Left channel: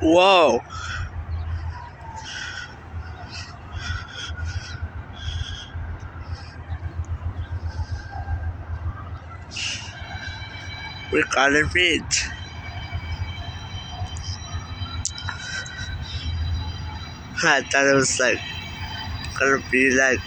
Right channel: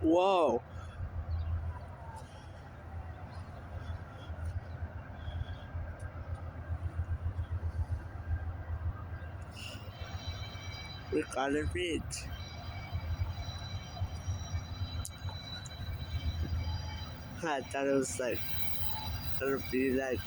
Whoa. We gotta meet. I thought it was like gonna be like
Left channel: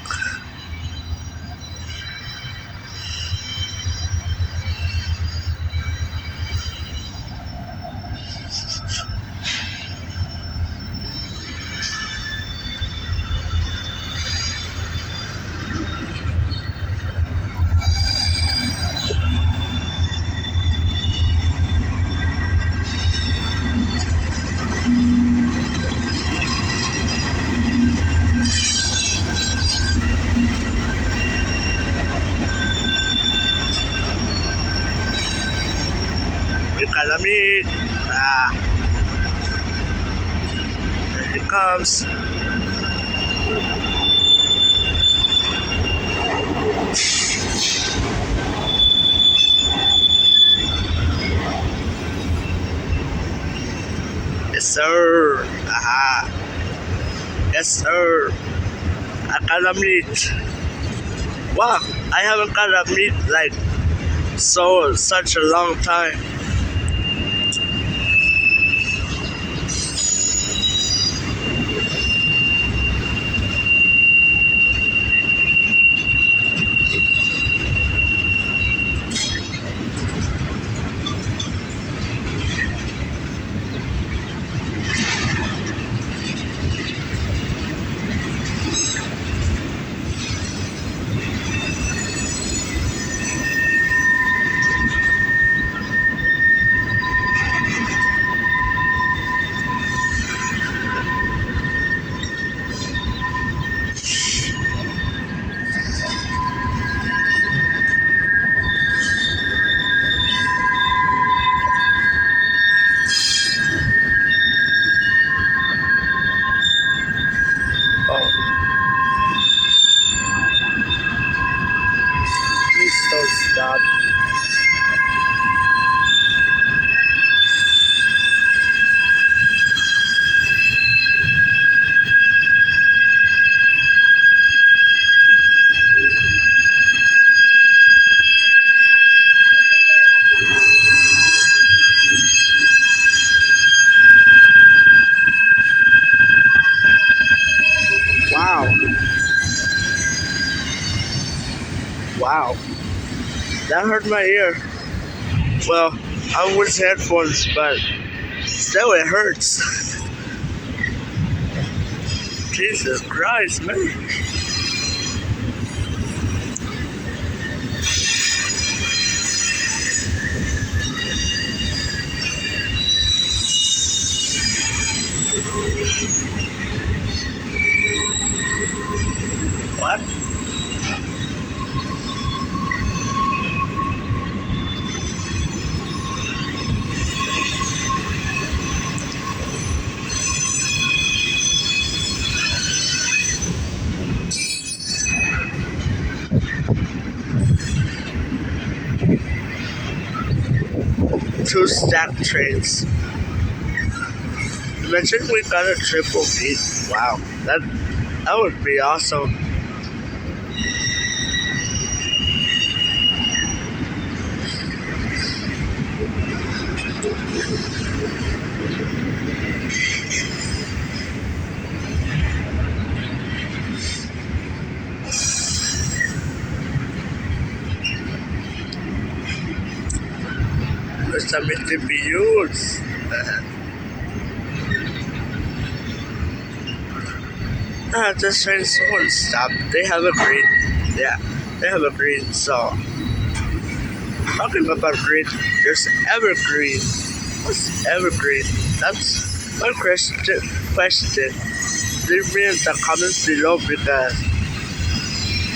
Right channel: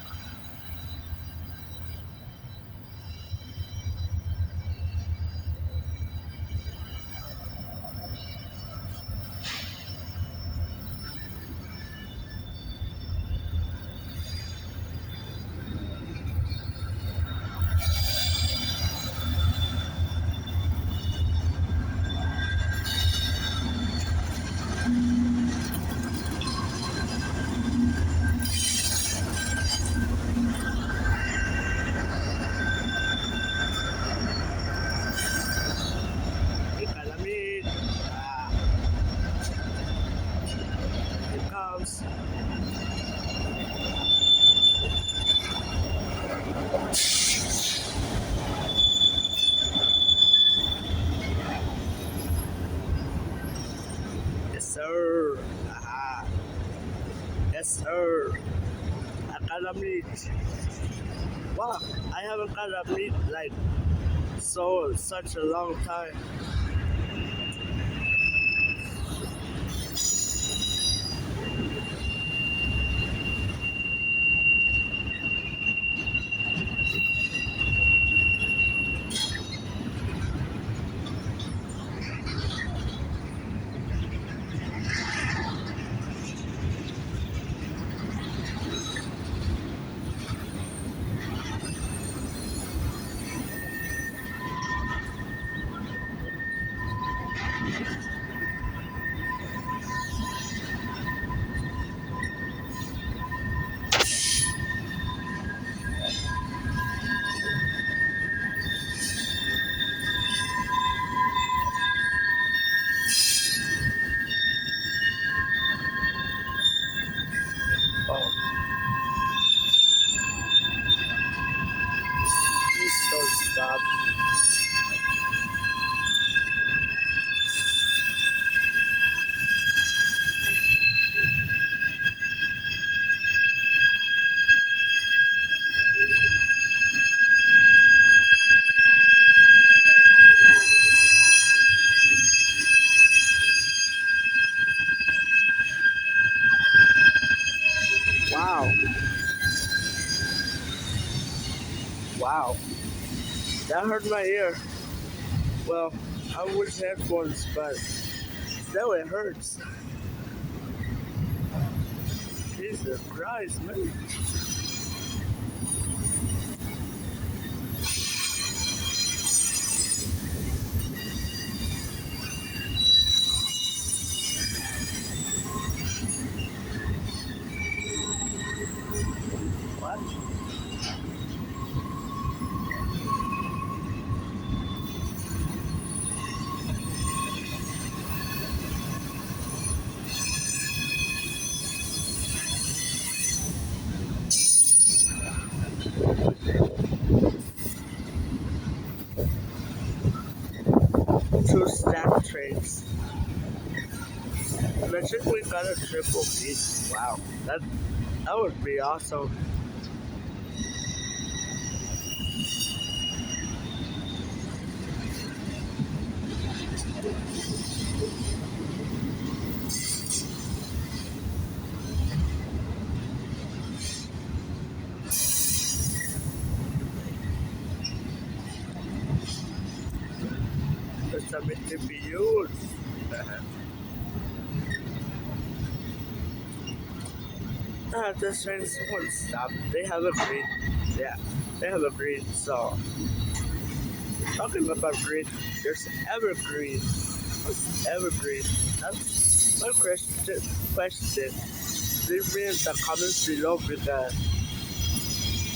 we gotta meet. Here it comes. Yes, sir. Yes, sir. I gotta meet. Wow, I haven't gotta meet like such a long time. Oh, please don't stop. Wow, wow, that hurt my ear. Well, I was headphones, but still it hurts. Jesus Christ, man. What? Two stacked trains. Imagine we got a triple beat. Wow, that would be awesome. There's some MID-DPUs. This train's won't stop. They have a green. Yeah, they have a green. So, talking about green, there's evergreen. What's evergreen? That's my question. Leave me in the comments below because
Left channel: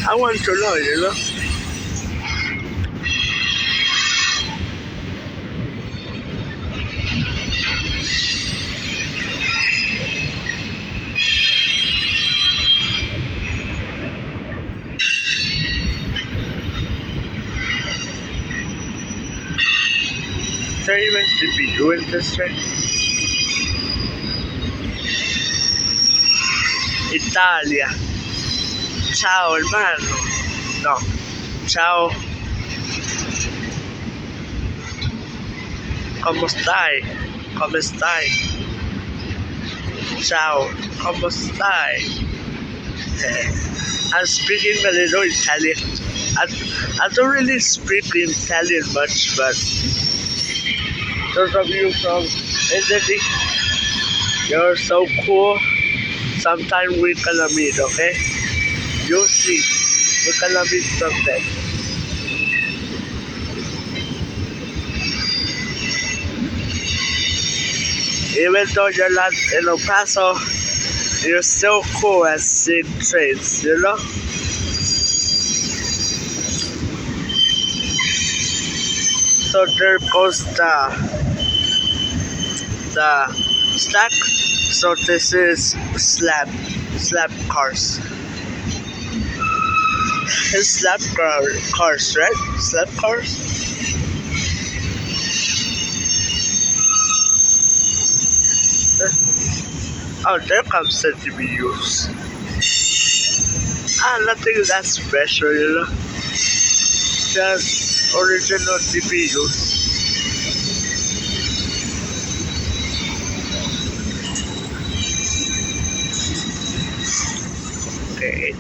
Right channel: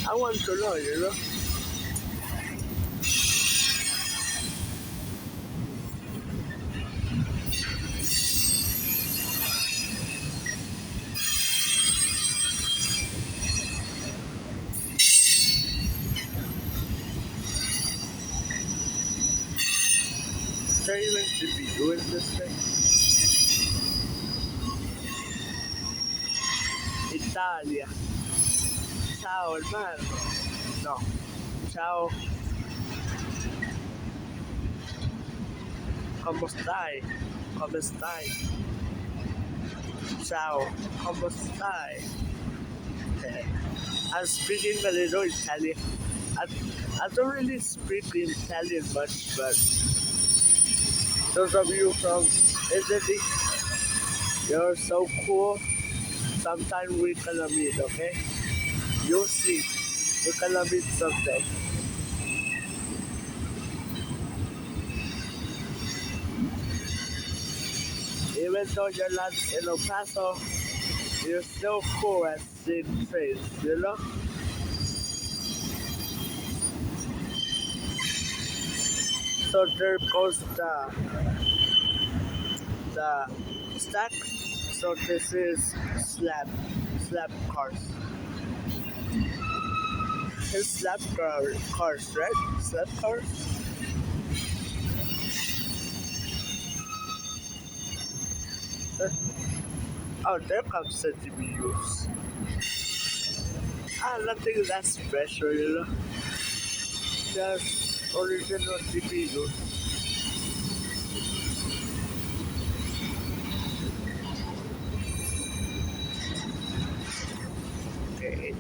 I want to know, you know? Is there even DPU in this train? Italia. Ciao hermano. No. Ciao. ¿Cómo stai? ¿Cómo stai? Ciao. ¿Cómo stai? I'm speaking a little Italian. I don't really speak Italian much, but those of you from Italy, you're so cool. Sometime we're gonna meet, okay? You'll see. We're gonna meet someday. Even though you're not in El Paso, you're still cool at seeing trains, you know? So there goes the stack. So this is slab cars. It's cars, right? Slab cars. Oh, there comes the DPUs. Nothing that special, you know. Just original DPUs. Okay.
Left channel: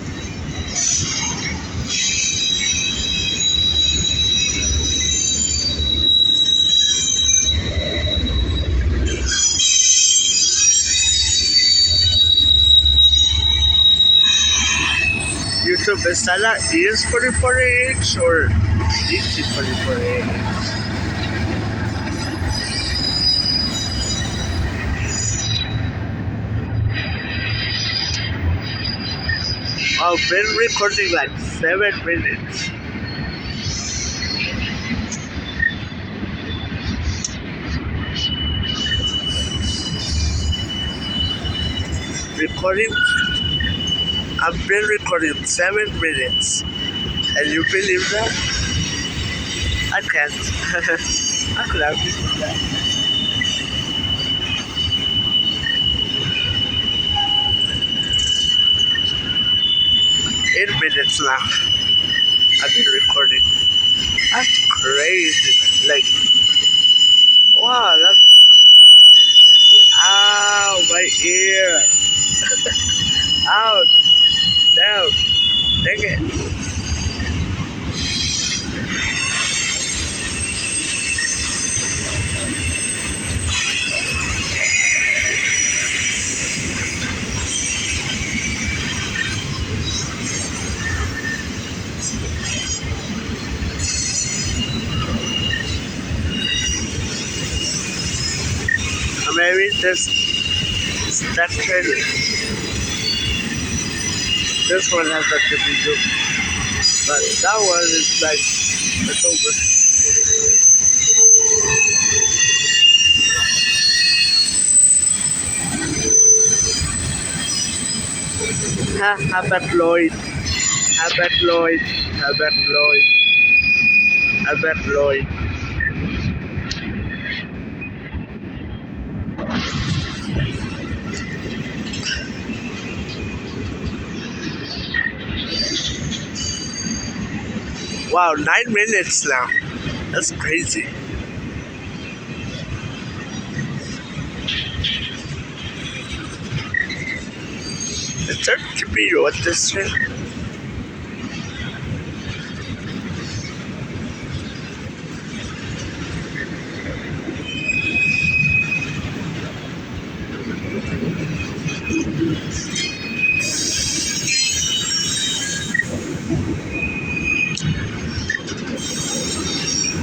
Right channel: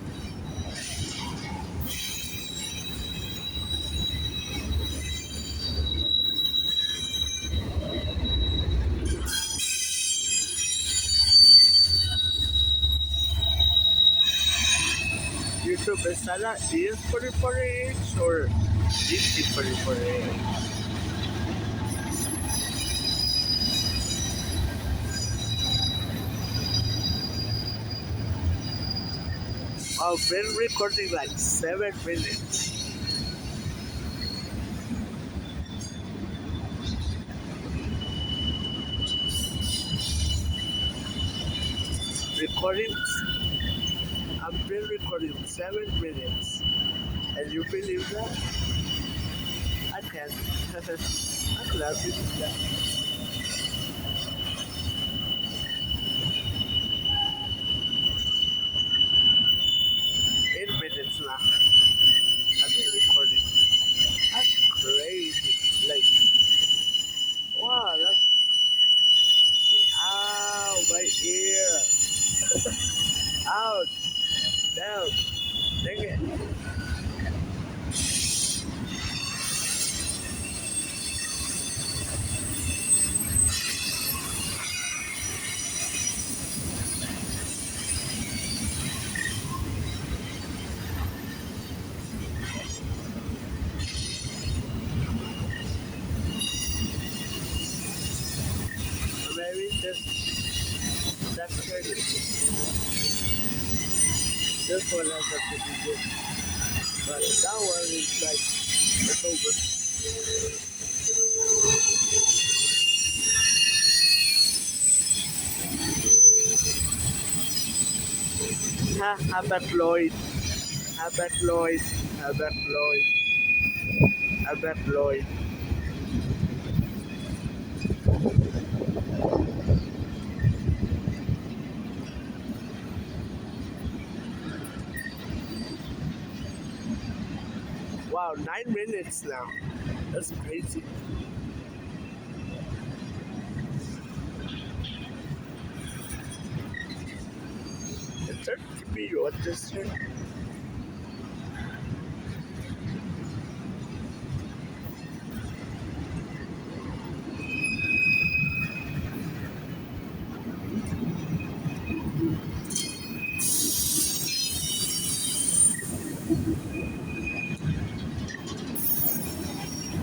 YouTube is that ES44AH or DC44AH? I've been recording like 7 minutes. I've been recording 7 minutes. Can you believe that? I can't. I could have believed that. 8 minutes now. I've been recording. That's crazy. Like, wow, that's. Ow, my ear. Ouch. Down. Dang it. Maybe this stack trailer. This one has a DPU, but that one is like it's over. Habit Lloyd. Wow, 9 minutes now. That's crazy. Is there DPU at this thing?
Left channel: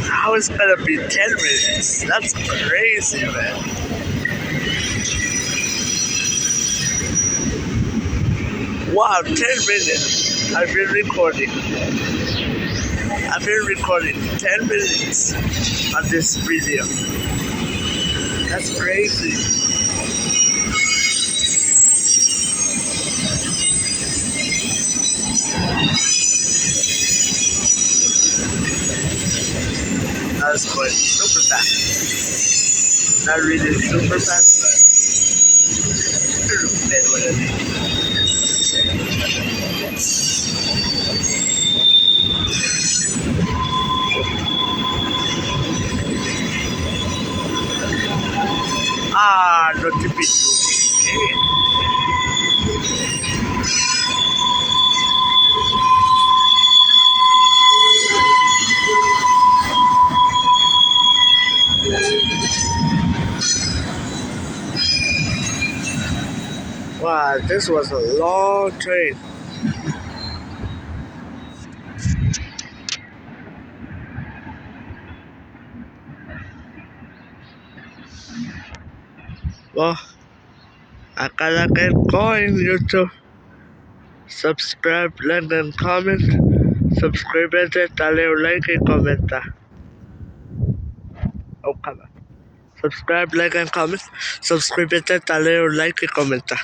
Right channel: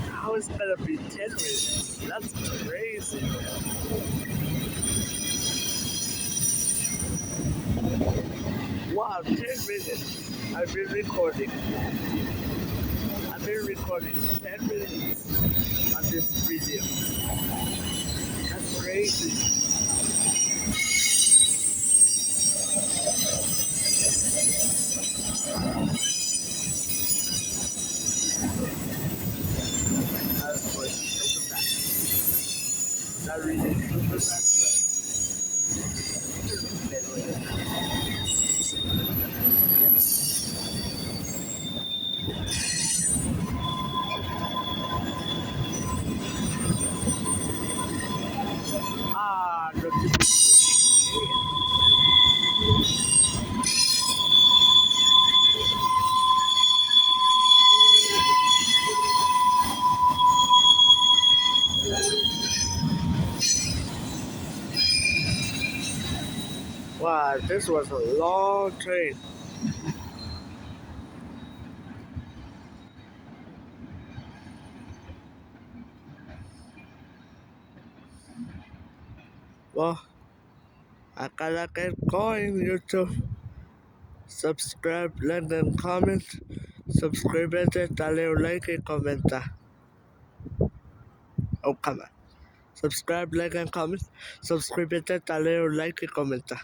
How is it gonna be 10 minutes? That's crazy, man. Wow, 10 minutes. I've been recording 10 minutes on this video. That's crazy. That's quite super fast. Not really super fast, but whatever. This was a long train. Well, I gotta get going, YouTube. Subscribe, like, and comment. Suscríbete, dale un like y comenta. Oh, come on. Subscribe, like, and comment. Suscríbete, dale un like y comenta.